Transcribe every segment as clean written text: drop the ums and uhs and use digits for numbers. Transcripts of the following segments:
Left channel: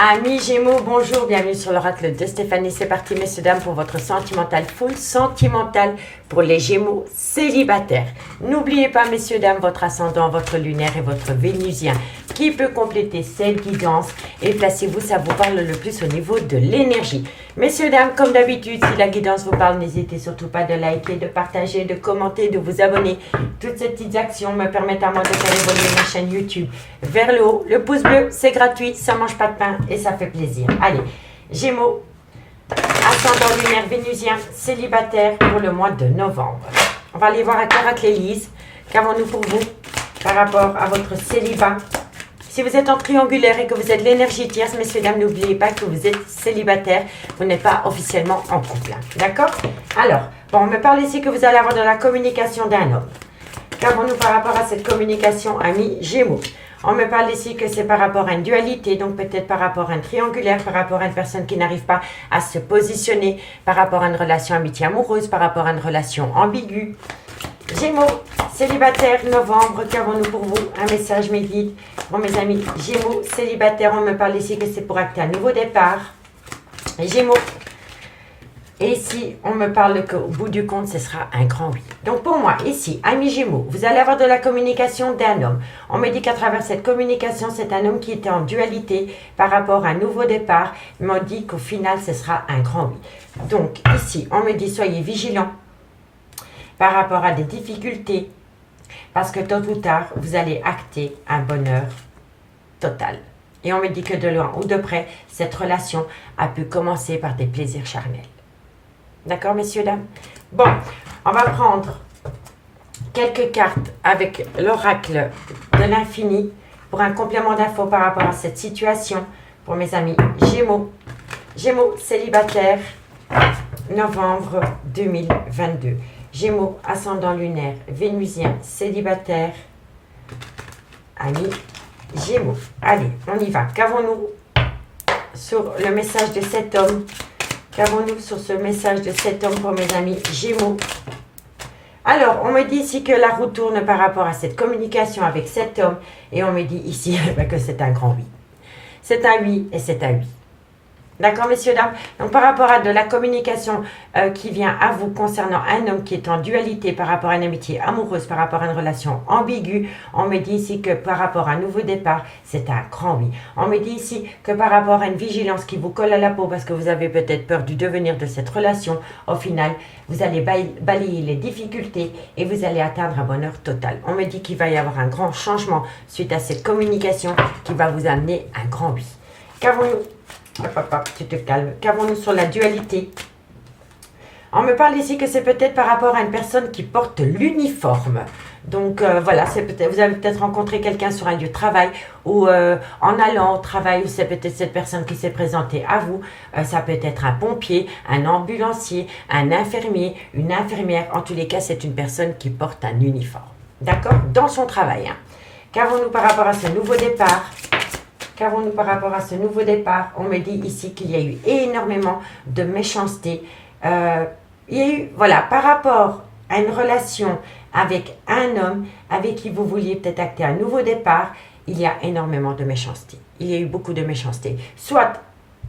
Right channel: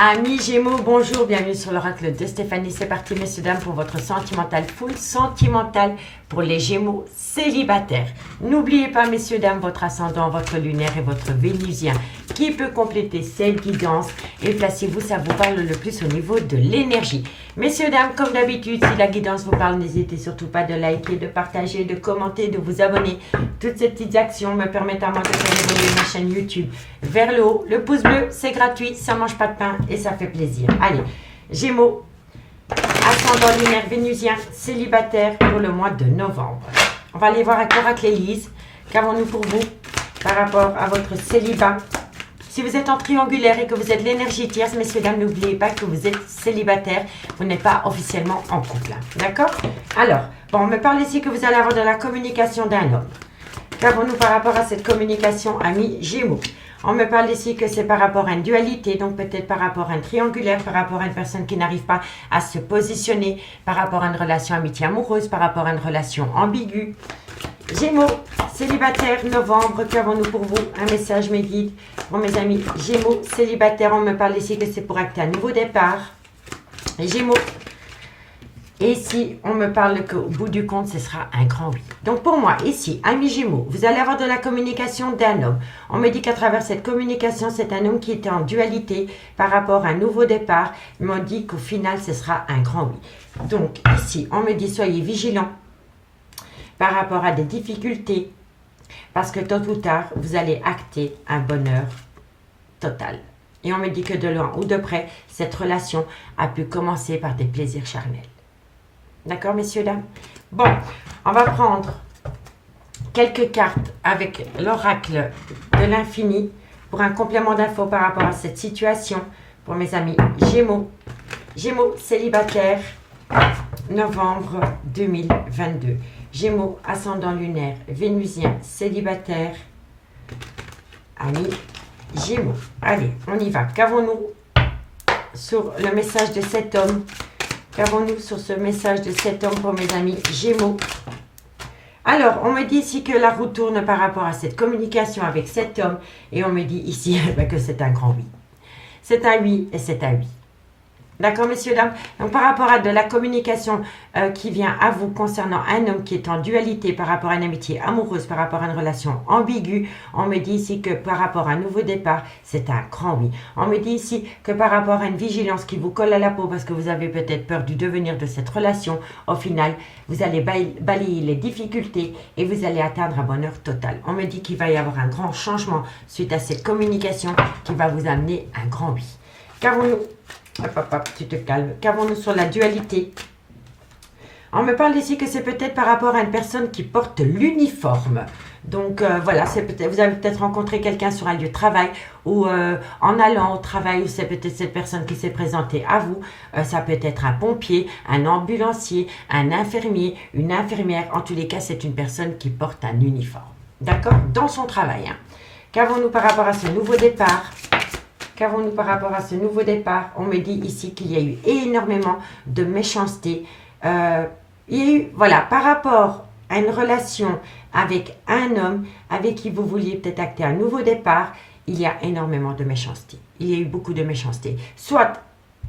Amis Gémeaux, bonjour, bienvenue sur l'oracle de Stéphanie. C'est parti, messieurs, dames, pour votre sentimental full sentimental pour les Gémeaux célibataires. N'oubliez pas, messieurs, dames, votre ascendant, votre lunaire et votre vénusien qui peut compléter cette guidance. Et placez-vous, ça vous parle le plus au niveau de l'énergie. Messieurs, dames, comme d'habitude, si la guidance vous parle, n'hésitez surtout pas de liker, de partager, de commenter, de vous abonner. Toutes ces petites actions me permettent à moi de faire évoluer ma chaîne YouTube vers le haut. Le pouce bleu, c'est gratuit, ça mange pas de pain et ça fait plaisir. Allez, Gémeaux, ascendant lunaire vénusien, célibataire pour le mois de novembre. On va aller voir avec l'oracle Élise. Qu'avons-nous pour vous par rapport à votre célibat? Si vous êtes en triangulaire et que vous êtes l'énergie tierce, messieurs, dames, n'oubliez pas que vous êtes célibataire. Vous n'êtes pas officiellement en couple. D'accord? Alors, bon, on me parle ici que vous allez avoir de la communication d'un homme. Qu'avons-nous par rapport à cette communication, amis Gémeaux? On me parle ici que c'est par rapport à une dualité, donc peut-être par rapport à un triangulaire, par rapport à une personne qui n'arrive pas à se positionner, par rapport à une relation amitié amoureuse, par rapport à une relation ambiguë. Gémeaux, célibataire, novembre, qu'avons-nous pour vous? Un message, mes guides. Bon, mes amis, Gémeaux, célibataire, on me parle ici que c'est pour acter un nouveau départ. Gémeaux. Et ici, on me parle qu'au bout du compte, ce sera un grand oui. Donc pour moi, ici, amis Gémeaux, vous allez avoir de la communication d'un homme. On me dit qu'à travers cette communication, c'est un homme qui était en dualité par rapport à un nouveau départ. On me dit qu'au final, ce sera un grand oui. Donc ici, on me dit soyez vigilants par rapport à des difficultés. Parce que tôt ou tard, vous allez acter un bonheur total. Et on me dit que de loin ou de près, cette relation a pu commencer par des plaisirs charnels. D'accord, messieurs, dames? Bon, on va prendre quelques cartes avec l'oracle de l'infini pour un complément d'infos par rapport à cette situation pour mes amis Gémeaux. Gémeaux, célibataire, novembre 2022. Gémeaux, ascendant lunaire, vénusien, célibataire, amis Gémeaux. Allez, on y va. Qu'avons-nous sur le message de cet homme? Qu'avons-nous sur ce message de cet homme pour mes amis Gémeaux? Alors, on me dit ici que la roue tourne par rapport à cette communication avec cet homme. Et on me dit ici que c'est un grand oui. C'est un oui et c'est un oui. D'accord, messieurs, dames? Donc, par rapport à de la communication qui vient à vous concernant un homme qui est en dualité par rapport à une amitié amoureuse, par rapport à une relation ambiguë, on me dit ici que par rapport à un nouveau départ, c'est un grand oui. On me dit ici que par rapport à une vigilance qui vous colle à la peau parce que vous avez peut-être peur du devenir de cette relation, au final, vous allez balayer les difficultés et vous allez atteindre un bonheur total. On me dit qu'il va y avoir un grand changement suite à cette communication qui va vous amener un grand oui. Qu'avons-nous? Hop, hop, hop, tu te calmes. Qu'avons-nous sur la dualité? On me parle ici que c'est peut-être par rapport à une personne qui porte l'uniforme. Donc voilà, vous avez peut-être rencontré quelqu'un sur un lieu de travail ou en allant au travail, ou c'est peut-être cette personne qui s'est présentée à vous. Ça peut être un pompier, un ambulancier, un infirmier, une infirmière. En tous les cas, c'est une personne qui porte un uniforme. D'accord? Dans son travail. Hein. Qu'avons-nous par rapport à ce nouveau départ? Qu'avons-nous par rapport à ce nouveau départ? On me dit ici qu'il y a eu énormément de méchanceté. Il y a eu, voilà, par rapport à une relation avec un homme avec qui vous vouliez peut-être acter un nouveau départ, il y a énormément de méchanceté. Il y a eu beaucoup de méchanceté. Soit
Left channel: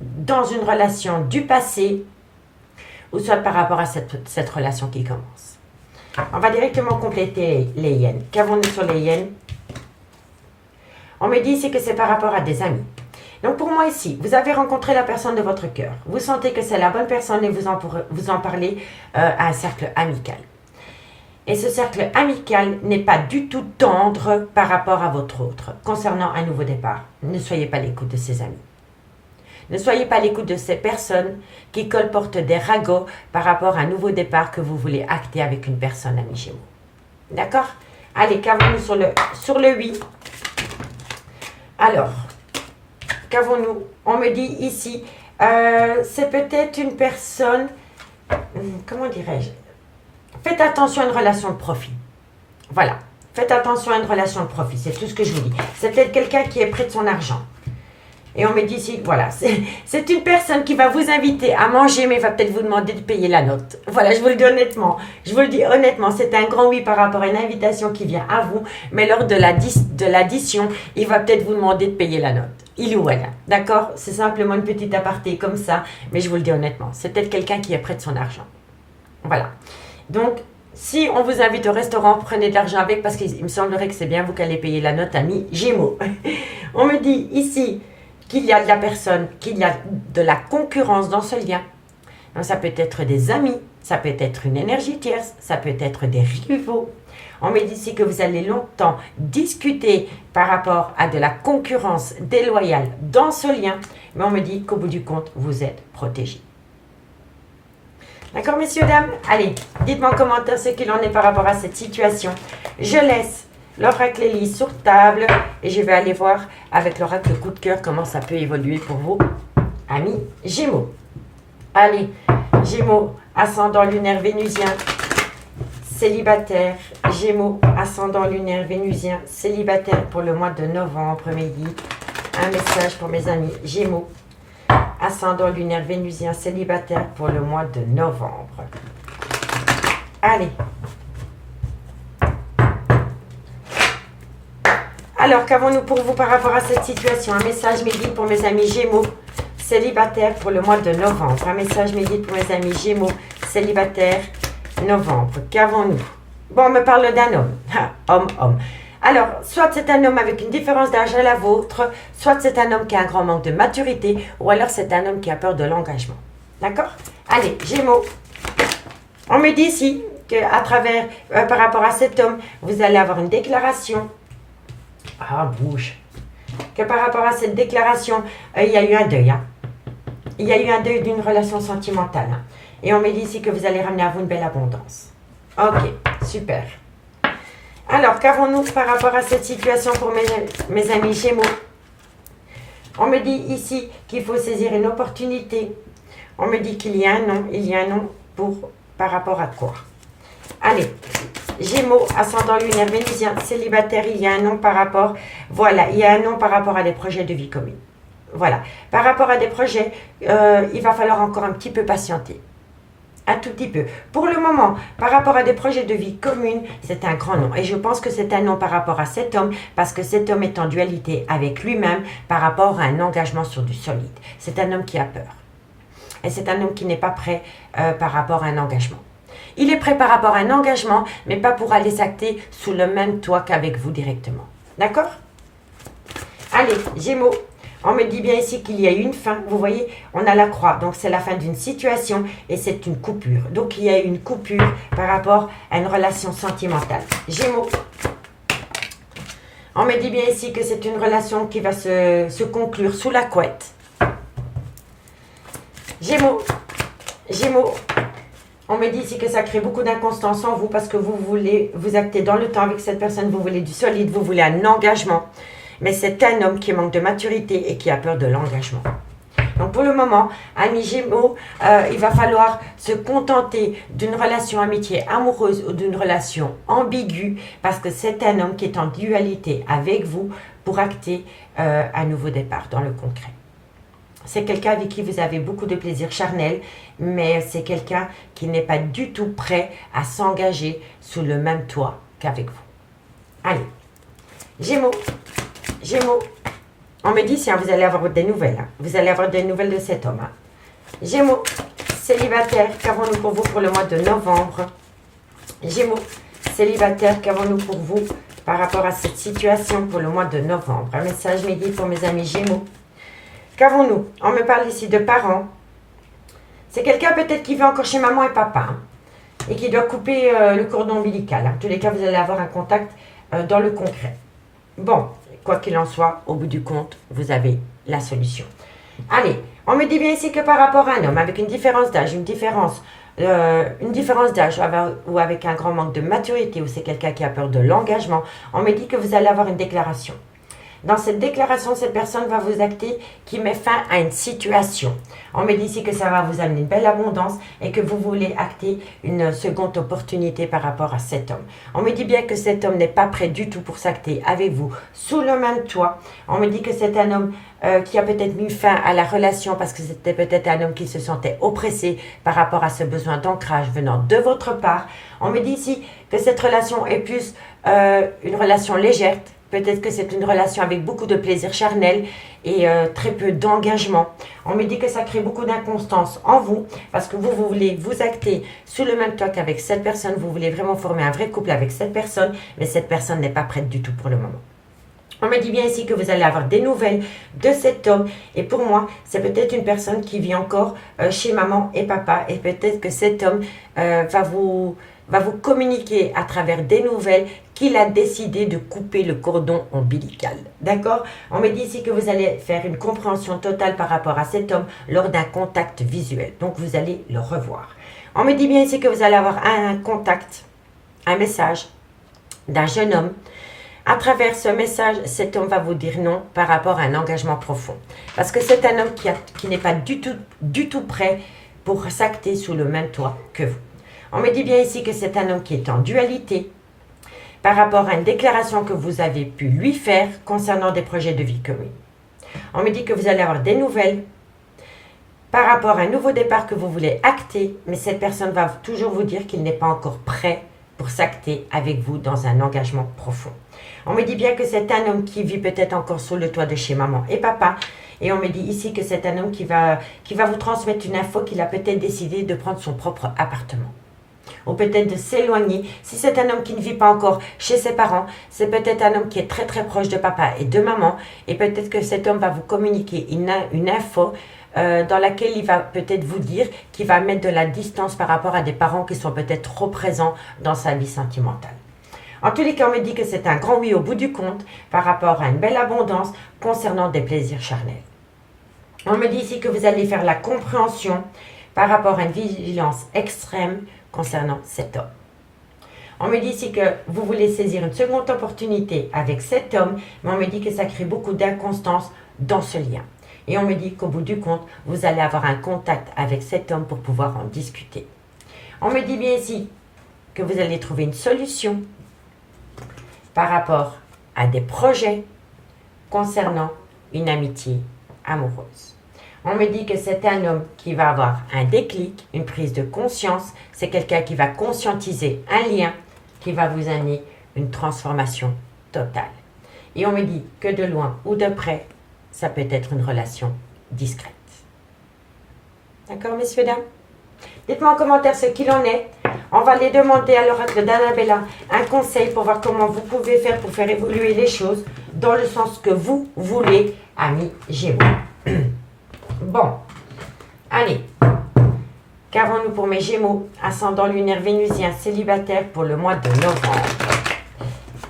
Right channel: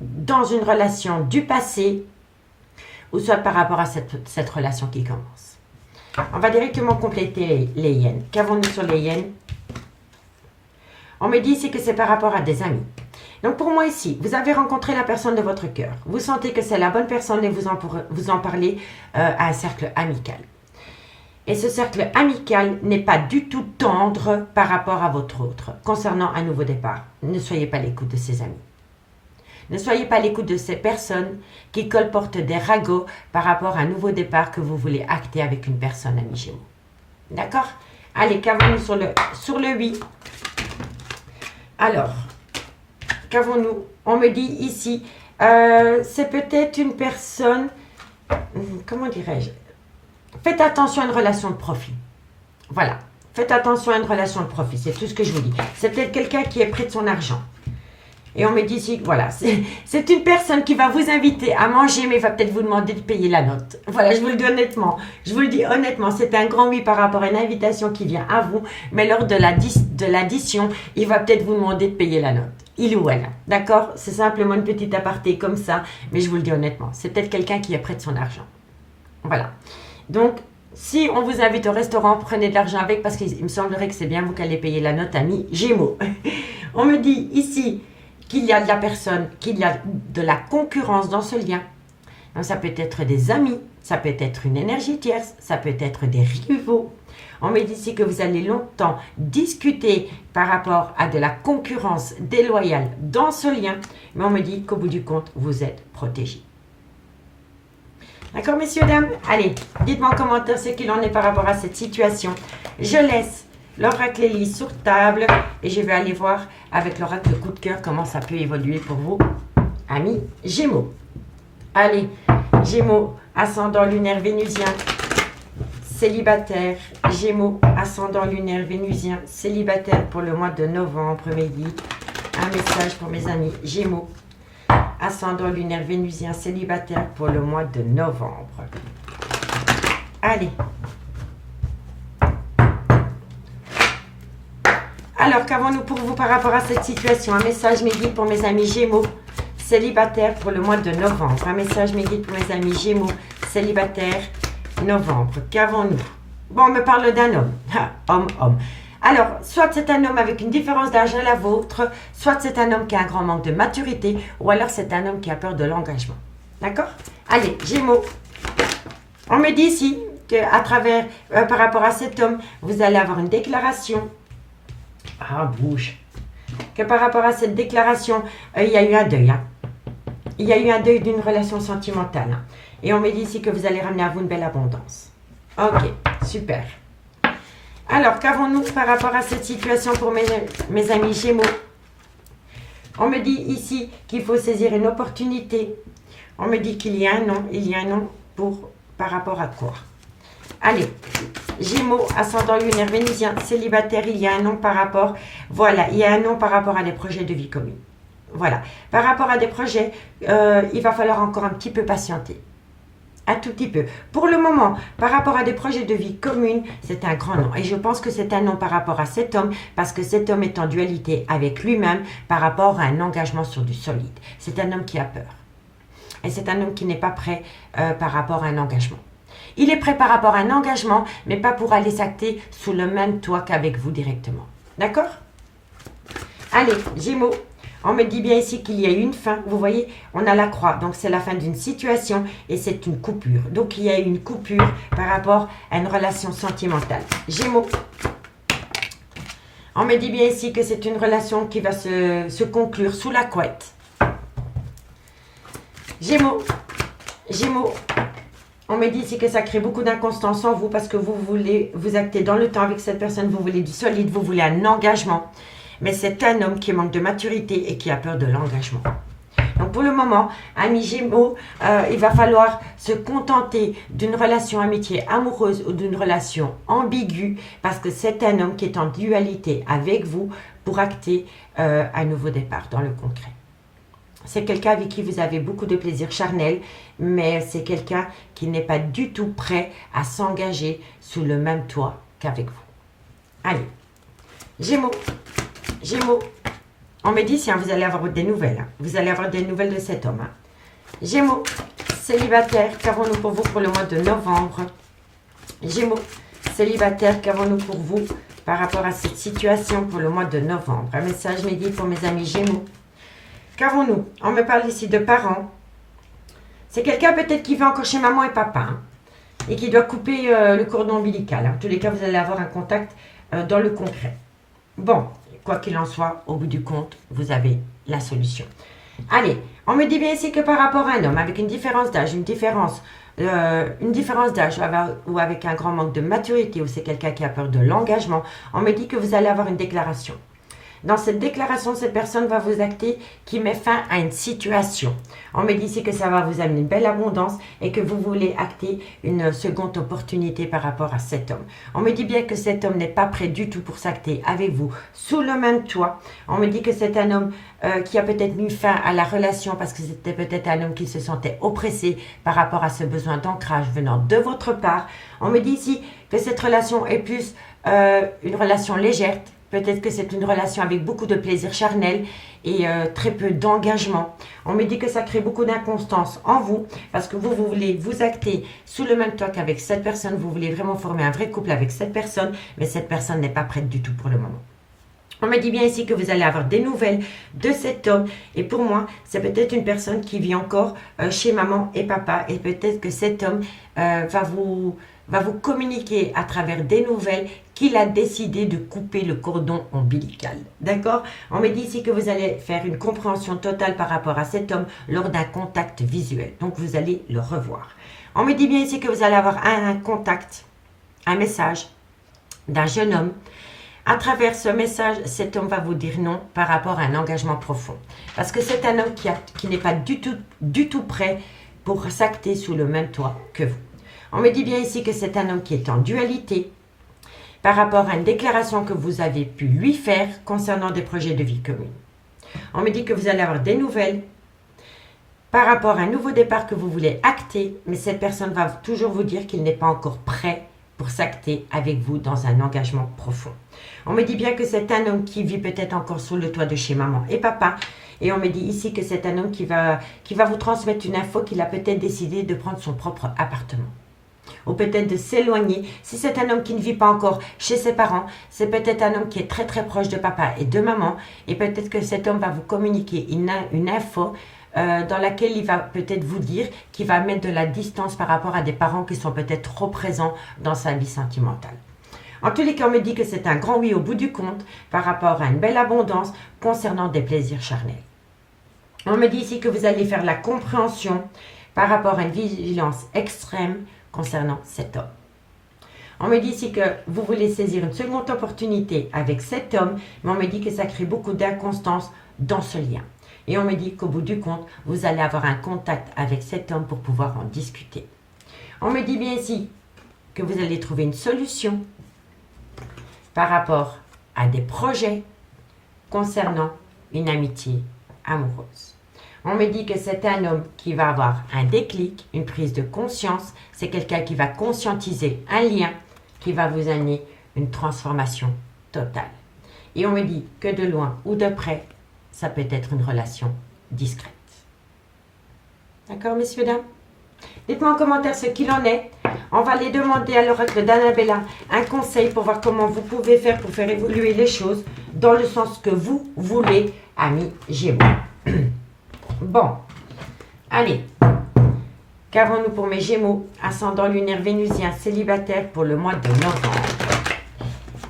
dans une relation du passé, ou soit par rapport à cette relation qui commence. On va directement compléter les hyènes. Qu'avons-nous sur les hyènes? On me dit ici que c'est par rapport à des amis. Donc pour moi ici, vous avez rencontré la personne de votre cœur. Vous sentez que c'est la bonne personne et vous en parlez à un cercle amical. Et ce cercle amical n'est pas du tout tendre par rapport à votre autre. Concernant un nouveau départ, ne soyez pas à l'écoute de ces amis. Ne soyez pas à l'écoute de ces personnes qui colportent des ragots par rapport à un nouveau départ que vous voulez acter avec une personne, ami Gémeaux. D'accord? Allez, qu'avons-nous sur le oui? Alors, qu'avons-nous? On me dit ici, c'est peut-être une personne, comment dirais-je? Faites attention à une relation de profit. Voilà, faites attention à une relation de profit, c'est tout ce que je vous dis. C'est peut-être quelqu'un qui est près de son argent. Et on me dit ici, voilà, c'est une personne qui va vous inviter à manger, mais va peut-être vous demander de payer la note. Voilà, je vous le dis honnêtement. Je vous le dis honnêtement, c'est un grand oui par rapport à une invitation qui vient à vous, mais lors de l'addition, il va peut-être vous demander de payer la note. il ou elle. D'accord? C'est simplement une petite aparté comme ça, mais je vous le dis honnêtement, c'est peut-être quelqu'un qui est près de son argent. Voilà. Donc, si on vous invite au restaurant, prenez de l'argent avec parce qu'il me semblerait que c'est bien vous qui allez payer la note, ami Gémeaux. On me dit ici qu'il y a de la personne, qu'il y a de la concurrence dans ce lien. Donc, ça peut être des amis, ça peut être une énergie tierce, ça peut être des rivaux. On me dit ici que vous allez longtemps discuter par rapport à de la concurrence déloyale dans ce lien, mais on me dit qu'au bout du compte, vous êtes protégés. D'accord, messieurs, dames? Allez, dites-moi en commentaire ce qu'il en est par rapport à cette situation. Je laisse l'oracle Elise sur table et je vais aller voir avec l'oracle coup de cœur comment ça peut évoluer pour vous, amis Gémeaux. Allez, Gémeaux, ascendant lunaire vénusien, célibataire. Gémeaux, ascendant lunaire vénusien, célibataire pour le mois de novembre, midi. Un message pour mes amis Gémeaux. Ascendant lunaire vénusien célibataire pour le mois de novembre. Allez. Alors, qu'avons-nous pour vous par rapport à cette situation? Un message midi pour mes amis Gémeaux, célibataire pour le mois de novembre. Un message midi pour mes amis Gémeaux, célibataire, novembre. Qu'avons-nous? Bon, on me parle d'un homme. Homme. Alors, soit c'est un homme avec une différence d'âge à la vôtre, soit c'est un homme qui a un grand manque de maturité, ou alors c'est un homme qui a peur de l'engagement. D'accord? Allez, Gémeaux. On me dit ici qu'à travers, par rapport à cet homme, vous allez avoir une déclaration. Ah, bouge. Que par rapport à cette déclaration, il y a eu un deuil. Hein. Il y a eu un deuil d'une relation sentimentale. Hein. Et on me dit ici que vous allez ramener à vous une belle abondance. Ok, super. Alors, qu'avons-nous par rapport à cette situation pour mes amis Gémeaux? On me dit ici qu'il faut saisir une opportunité. On me dit qu'il y a un nom. Il y a un nom par rapport à quoi? Allez, Gémeaux, ascendant lunaire vénusien, célibataire, il y a un nom par rapport... Voilà, il y a un nom par rapport à des projets de vie commune. Voilà. Par rapport à des projets, il va falloir encore un petit peu patienter. Un tout petit peu. Pour le moment, par rapport à des projets de vie communes, c'est un grand nom. Et je pense que c'est un nom par rapport à cet homme, parce que cet homme est en dualité avec lui-même par rapport à un engagement sur du solide. C'est un homme qui a peur. Et c'est un homme qui n'est pas prêt par rapport à un engagement. Il est prêt par rapport à un engagement, mais pas pour aller s'acter sous le même toit qu'avec vous directement. D'accord? Allez, Gémeaux. On me dit bien ici qu'il y a eu une fin. Vous voyez, on a la croix. Donc, c'est la fin d'une situation et c'est une coupure. Donc, il y a eu une coupure par rapport à une relation sentimentale. Gémeaux. On me dit bien ici que c'est une relation qui va se conclure sous la couette. Gémeaux. Gémeaux. On me dit ici que ça crée beaucoup d'inconstance en vous parce que vous voulez vous acter dans le temps avec cette personne. Vous voulez du solide, vous voulez un engagement. Mais c'est un homme qui manque de maturité et qui a peur de l'engagement. Donc pour le moment, amis Gémeaux, il va falloir se contenter d'une relation amitié amoureuse ou d'une relation ambiguë parce que c'est un homme qui est en dualité avec vous pour acter un nouveau départ dans le concret. C'est quelqu'un avec qui vous avez beaucoup de plaisir charnel, mais c'est quelqu'un qui n'est pas du tout prêt à s'engager sous le même toit qu'avec vous. Allez, Gémeaux. Gémeaux, on me dit si vous allez avoir des nouvelles. Hein. Vous allez avoir des nouvelles de cet homme. Hein. Gémeaux, célibataire, qu'avons-nous pour vous pour le mois de novembre? Gémeaux, célibataire, qu'avons-nous pour vous par rapport à cette situation pour le mois de novembre? Un message midi pour mes amis Gémeaux. Qu'avons-nous? On me parle ici de parents. C'est quelqu'un peut-être qui va encore chez maman et papa hein, et qui doit couper le cordon ombilical. Hein. En tous les cas, vous allez avoir un contact dans le concret. Bon. Quoi qu'il en soit, au bout du compte, vous avez la solution. Allez, on me dit bien ici que par rapport à un homme avec une différence d'âge, une différence d'âge ou avec un grand manque de maturité ou c'est quelqu'un qui a peur de l'engagement, on me dit que vous allez avoir une déclaration. Dans cette déclaration, cette personne va vous acter qui met fin à une situation. On me dit ici que ça va vous amener une belle abondance et que vous voulez acter une seconde opportunité par rapport à cet homme. On me dit bien que cet homme n'est pas prêt du tout pour s'acter avec vous sous le même toit. On me dit que c'est un homme qui a peut-être mis fin à la relation parce que c'était peut-être un homme qui se sentait oppressé par rapport à ce besoin d'ancrage venant de votre part. On me dit ici que cette relation est plus une relation légère Peut-être que c'est une relation avec beaucoup de plaisir charnel et très peu d'engagement. On me dit que ça crée beaucoup d'inconstance en vous parce que vous voulez vous acter sous le même toit qu'avec cette personne. Vous voulez vraiment former un vrai couple avec cette personne, mais cette personne n'est pas prête du tout pour le moment. On me dit bien ici que vous allez avoir des nouvelles de cet homme. Et pour moi, c'est peut-être une personne qui vit encore chez maman et papa. Et peut-être que cet homme va vous communiquer à travers des nouvelles qu'il a décidé de couper le cordon ombilical. D'accord? On me dit ici que vous allez faire une compréhension totale par rapport à cet homme lors d'un contact visuel. Donc, vous allez le revoir. On me dit bien ici que vous allez avoir un contact, un message d'un jeune homme. À travers ce message, cet homme va vous dire non par rapport à un engagement profond. Parce que c'est un homme qui n'est pas du tout prêt pour s'acter sous le même toit que vous. On me dit bien ici que c'est un homme qui est en dualité par rapport à une déclaration que vous avez pu lui faire concernant des projets de vie commune. On me dit que vous allez avoir des nouvelles par rapport à un nouveau départ que vous voulez acter, mais cette personne va toujours vous dire qu'il n'est pas encore prêt pour s'acter avec vous dans un engagement profond. On me dit bien que c'est un homme qui vit peut-être encore sous le toit de chez maman et papa. Et on me dit ici que c'est un homme qui va vous transmettre une info qu'il a peut-être décidé de prendre son propre appartement. Ou peut-être de s'éloigner. Si c'est un homme qui ne vit pas encore chez ses parents, c'est peut-être un homme qui est très très proche de papa et de maman. Et peut-être que cet homme va vous communiquer une info dans laquelle il va peut-être vous dire qu'il va mettre de la distance par rapport à des parents qui sont peut-être trop présents dans sa vie sentimentale. En tous les cas, on me dit que c'est un grand oui au bout du compte par rapport à une belle abondance concernant des plaisirs charnels. On me dit ici que vous allez faire la compréhension par rapport à une vigilance extrême concernant cet homme. On me dit ici que vous voulez saisir une seconde opportunité avec cet homme, mais on me dit que ça crée beaucoup d'inconstance dans ce lien. Et on me dit qu'au bout du compte, vous allez avoir un contact avec cet homme pour pouvoir en discuter. On me dit bien ici que vous allez trouver une solution par rapport à des projets concernant une amitié amoureuse. On me dit que c'est un homme qui va avoir un déclic, une prise de conscience. C'est quelqu'un qui va conscientiser un lien qui va vous amener une transformation totale. Et on me dit que de loin ou de près, ça peut être une relation discrète. D'accord, messieurs, dames? Dites-moi en commentaire ce qu'il en est. On va aller demander à l'oracle d'Annabella un conseil pour voir comment vous pouvez faire pour faire évoluer les choses dans le sens que vous voulez, amis Gémeaux. Bon, allez. Qu'avons-nous pour mes Gémeaux, ascendant lunaire vénusien célibataire pour le mois de novembre?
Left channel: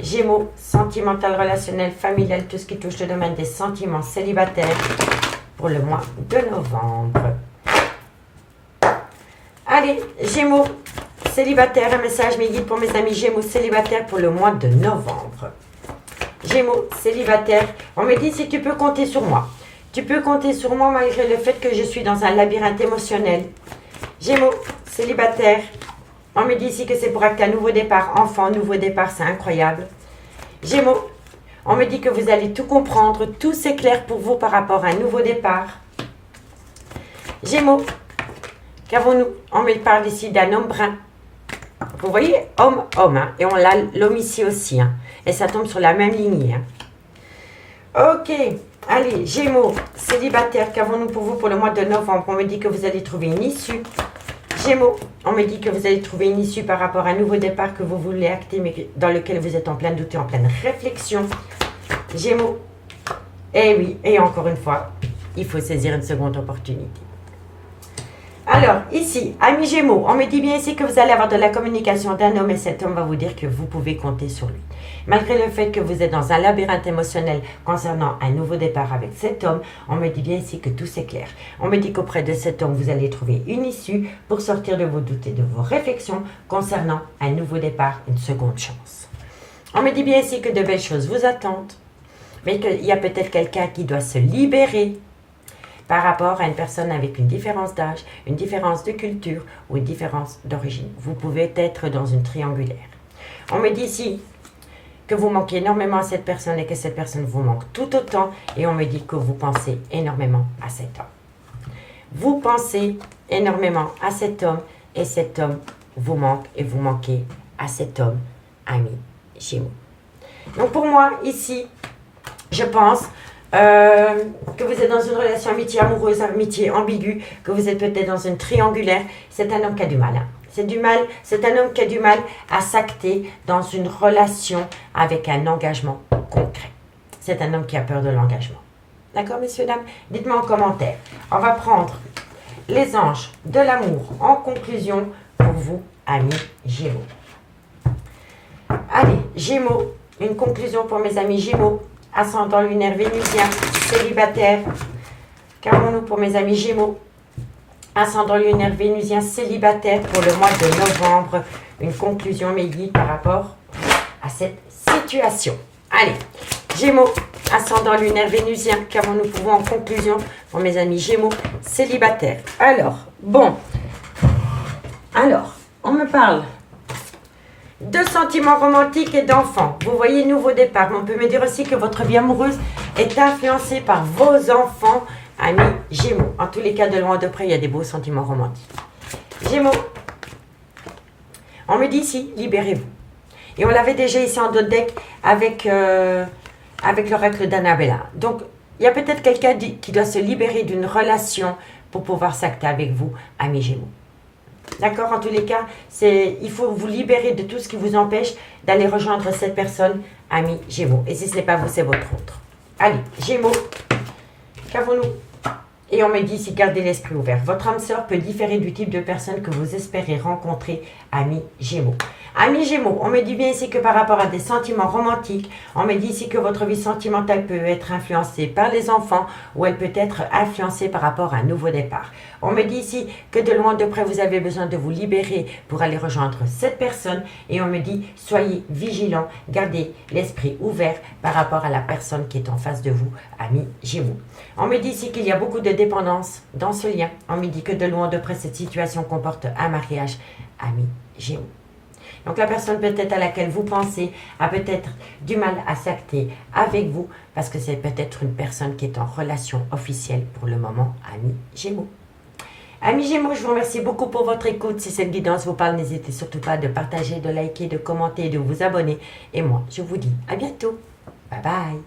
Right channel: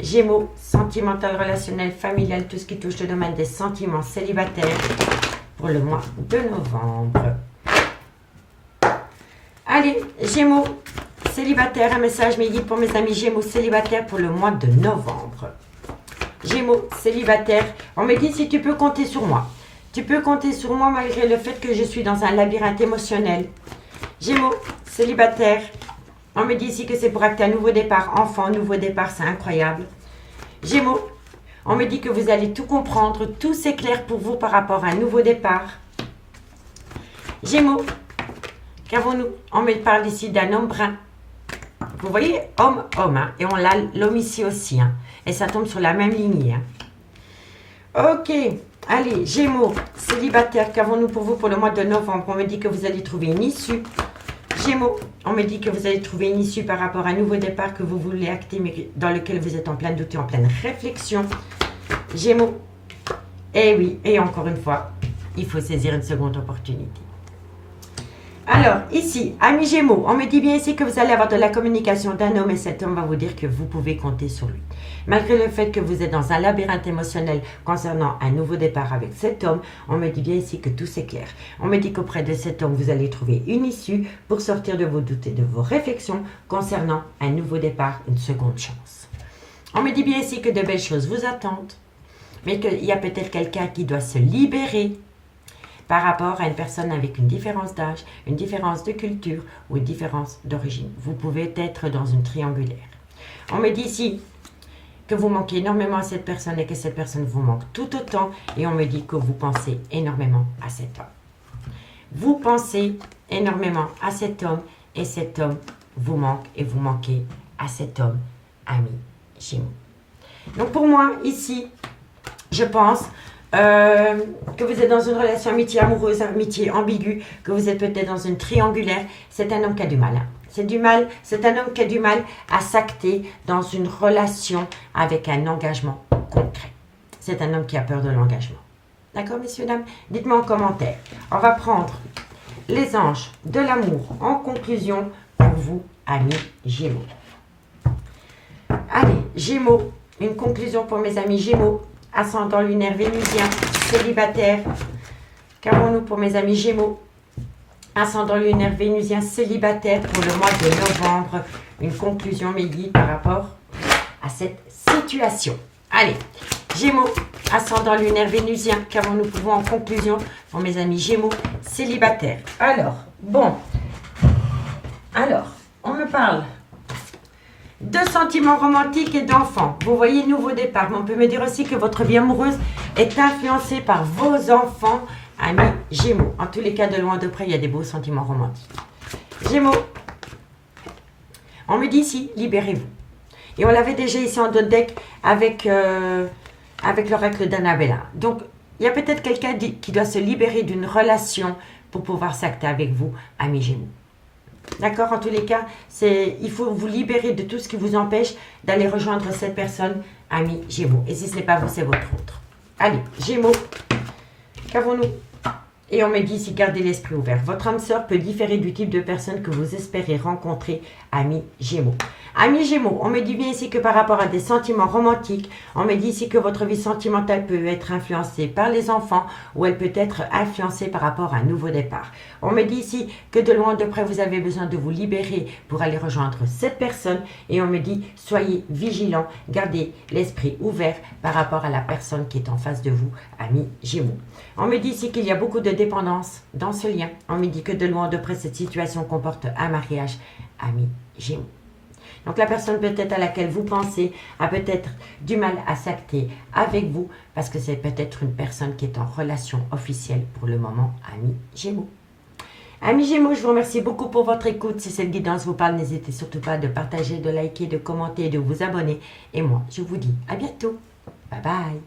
Gémeaux, sentimental, relationnel, familial, tout ce qui touche le domaine des sentiments célibataires pour le mois de novembre. Allez, Gémeaux, célibataire, un message mes guides pour mes amis Gémeaux célibataires pour le mois de novembre. Gémeaux, célibataire, on me dit si tu peux compter sur moi. Tu peux compter sur moi malgré le fait que je suis dans un labyrinthe émotionnel. Gémeaux, célibataire, on me dit ici que c'est pour acter un nouveau départ. Enfant, nouveau départ, c'est incroyable. Gémeaux, on me dit que vous allez tout comprendre, tout s'éclaire pour vous par rapport à un nouveau départ. Gémeaux, qu'avons-nous? On me parle ici d'un homme brun. Vous voyez, homme, hein, et on l'a l'homme ici aussi, hein, et ça tombe sur la même lignée. Hein. Ok, allez, Gémeaux, célibataire, qu'avons-nous pour vous pour le mois de novembre? On me dit que vous allez trouver une issue. Gémeaux, on me dit que vous allez trouver une issue par rapport à un nouveau départ que vous voulez acter, mais dans lequel vous êtes en plein doute et en pleine réflexion. Gémeaux, et oui, et encore une fois, il faut saisir une seconde opportunité. Alors, ici, amis Gémeaux, on me dit bien ici que vous allez avoir de la communication d'un homme et cet homme va vous dire que vous pouvez compter sur lui. Malgré le fait que vous êtes dans un labyrinthe émotionnel concernant un nouveau départ avec cet homme, on me dit bien ici que tout s'éclaire. On me dit qu'auprès de cet homme, vous allez trouver une issue pour sortir de vos doutes et de vos réflexions concernant un nouveau départ, une seconde chance. On me dit bien ici que de belles choses vous attendent, mais qu'il y a peut-être quelqu'un qui doit se libérer par rapport à une personne avec une différence d'âge, une différence de culture ou une différence d'origine. Vous pouvez être dans une triangulaire. On me dit ici que vous manquez énormément à cette personne et que cette personne vous manque tout autant. Et on me dit que vous pensez énormément à cet homme. Vous pensez énormément à cet homme et cet homme vous manque et vous manquez à cet homme, ami Gémeaux. Donc pour moi, ici, je pense que vous êtes dans une relation amitié amoureuse, amitié ambiguë, que vous êtes peut-être dans une triangulaire. C'est un homme qui a du mal. Hein. C'est un homme qui a du mal à s'acter dans une relation avec un engagement concret. C'est un homme qui a peur de l'engagement. D'accord, messieurs, dames? Dites-moi en commentaire. On va prendre les anges de l'amour en conclusion pour vous, amis Gémeaux. Allez, Gémeaux, une conclusion pour mes amis Gémeaux. Ascendant lunaire vénusien, célibataire. Qu'avons-nous pour mes amis Gémeaux? Ascendant lunaire vénusien, célibataire pour le mois de novembre. Une conclusion, mes guides, par rapport à cette situation. Allez, Gémeaux, ascendant lunaire vénusien. Qu'avons-nous pour vous en conclusion pour mes amis Gémeaux, célibataires? Alors, on me parle de sentiments romantiques et d'enfants. Vous voyez, nouveau départ. Mais on peut me dire aussi que votre vie amoureuse est influencée par vos enfants, amis Gémeaux. En tous les cas, de loin de près, il y a des beaux sentiments romantiques. Gémeaux, on me dit ici, libérez-vous. Et on l'avait déjà ici en d'autres decks avec l'oracle d'Annabella. Donc, il y a peut-être quelqu'un qui doit se libérer d'une relation pour pouvoir s'acter avec vous, amis Gémeaux. D'accord? En tous les cas, il faut vous libérer de tout ce qui vous empêche d'aller rejoindre cette personne, amis Gémeaux. Et si ce n'est pas vous, c'est votre autre. Allez, Gémeaux, qu'avons-nous? Et on me dit ici, gardez l'esprit ouvert. Votre âme sœur peut différer du type de personne que vous espérez rencontrer, amis Gémeaux. Amis Gémeaux, on me dit bien ici que par rapport à des sentiments romantiques, on me dit ici que votre vie sentimentale peut être influencée par les enfants ou elle peut être influencée par rapport à un nouveau départ. On me dit ici que de loin de près, vous avez besoin de vous libérer pour aller rejoindre cette personne et on me dit, soyez vigilants, gardez l'esprit ouvert par rapport à la personne qui est en face de vous, amis Gémeaux. On me dit ici qu'il y a beaucoup de dépendance dans ce lien. On me dit que de loin de près, cette situation comporte un mariage, amis Gémeaux. Donc la personne peut-être à laquelle vous pensez a peut-être du mal à s'acter avec vous parce que c'est peut-être une personne qui est en relation officielle pour le moment, amis Gémeaux. Amis Gémeaux, je vous remercie beaucoup pour votre écoute. Si cette guidance vous parle, n'hésitez surtout pas de partager, de liker, de commenter et de vous abonner. Et moi, je vous dis à bientôt. Bye bye.